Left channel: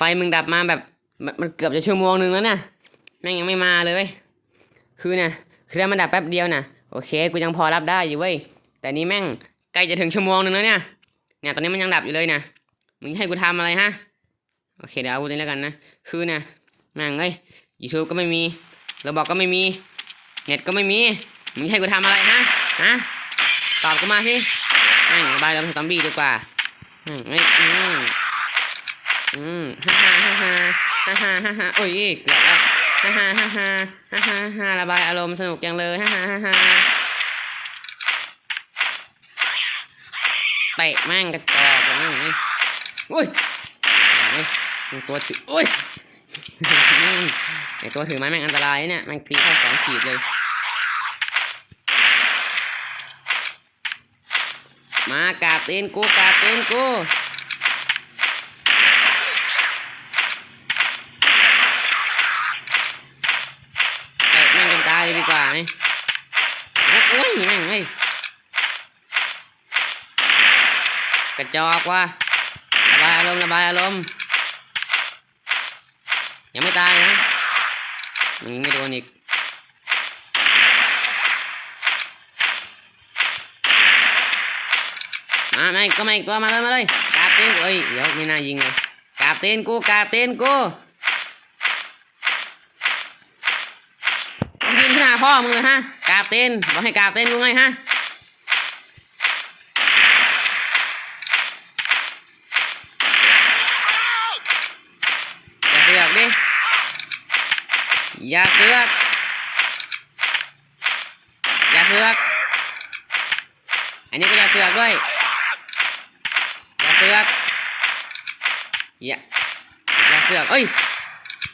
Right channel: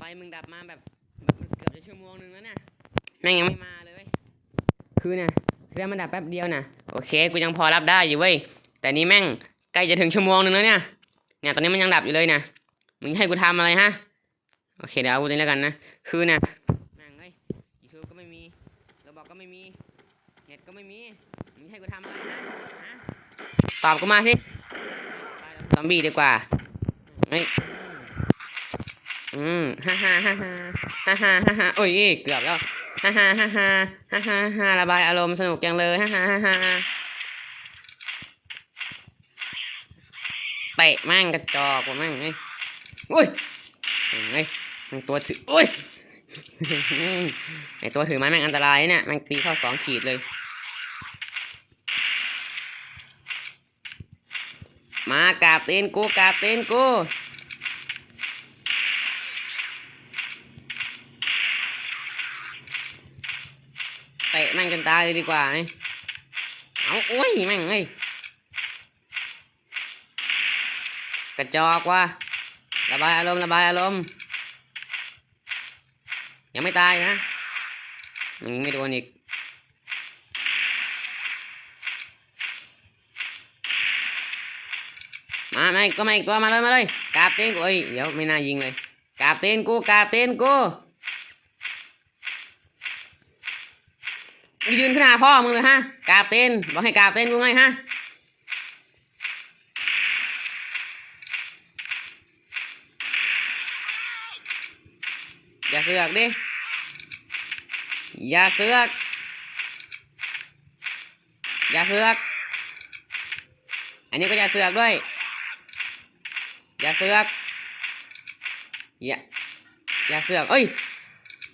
ไฟมึงดับมาแบบมันเกือบจะชั่วโมงนึงแล้วนี่ยแม่งยังไม่มาเลย คือนี่ยคือถ้มันดับแป๊บเดียวน่ะโอเค กูยังพอรับได้อยู่เว้ย แต่นี่แม่งใกล้จะถึงชั่วโมงนึงแล้วเนี่ย เนี่ยตอนนี้มันยังดับอยู่เลยนะมึงให้กูทำอะไรฮะ โอเคเดี๋ยวเอาตัวนี้แล้วกันนะ คือนี่ยแม่งเอ้ยยูทูบก็ไม่มีระบอกก็ไม่มี เน็ตก็ไม่มี มึงให้กูทำอะไรฮะ ฮะ ตอบกูมาสิแม่งบายแล้วเป็นซอมบี้ดีกว่าแม่งเอ้ย อืมฮ่าฮ่าฮ่าฮ่าฮ่าฮ่าฮ่าฮ่าโอ้ยเกือบแล้วฮ่าฮ่าฮ่าฮ่าฮ่าฮ่าฮ่าระบายอารมณ์สนุกจังเลยฮ่าฮ่าฮ่าฮ่าเตะแม่งกระจอกเลยแม่งนี่อุ้ยไอ้ยตัวถืออุ้ยไอตัวถือไม้แม่งอันตรายเนี่ยม่งตีเข้าสองขีดเลย มากราบตีนกูกราบตีนกู เตะแม่งจนตายเลยดีกว่าไหมเอาโอ้ยแม่งเอ้ยกระจอกว่ะระบายอารมณ์ระบายอารมณ์ยังไม่ตายนะมึงยิงไม่โดนอีกมาไม่ก็ไม่กตัวมาเลยมาเลยกราบตีนกูเอ้ยเดี๋ยวไม่น่ายิงเลยกราบตีนกูกราบตีนกู ยืนขึ้นหน้าพ่อมึงเลยฮะกราบเต้นบอกให้กราบเต้นกูไงฮะอย่าเสือกดิอย่าเสือกอย่าเสือกอันนี้ก็อย่าเสือกด้วยอย่าเสือกอย่าอย่าเสือกเอ้ย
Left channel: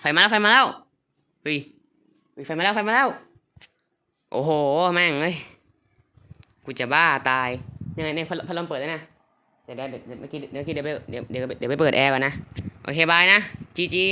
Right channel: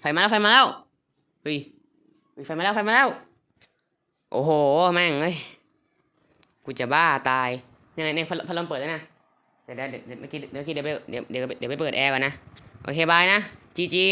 ไฟมาแล้วไฟมาแล้วเฮ้ย ไฟมาแล้วไฟมาแล้ว โอ้โห แม่งเอ้ย กูจะบ้าตาย ยังไงเนี่ยพัดพัดลมเปิดแล้วนะ เดี๋ยวเดี๋ยวเดี๋ยวเมื่อกี้เดี๋ยวเมื่อกี้เดี๋ยวไปเดี๋ยวเดี๋ยวเดี๋ยวไปเปิดแอร์ก่อนนะ โอเคบายนะจีจี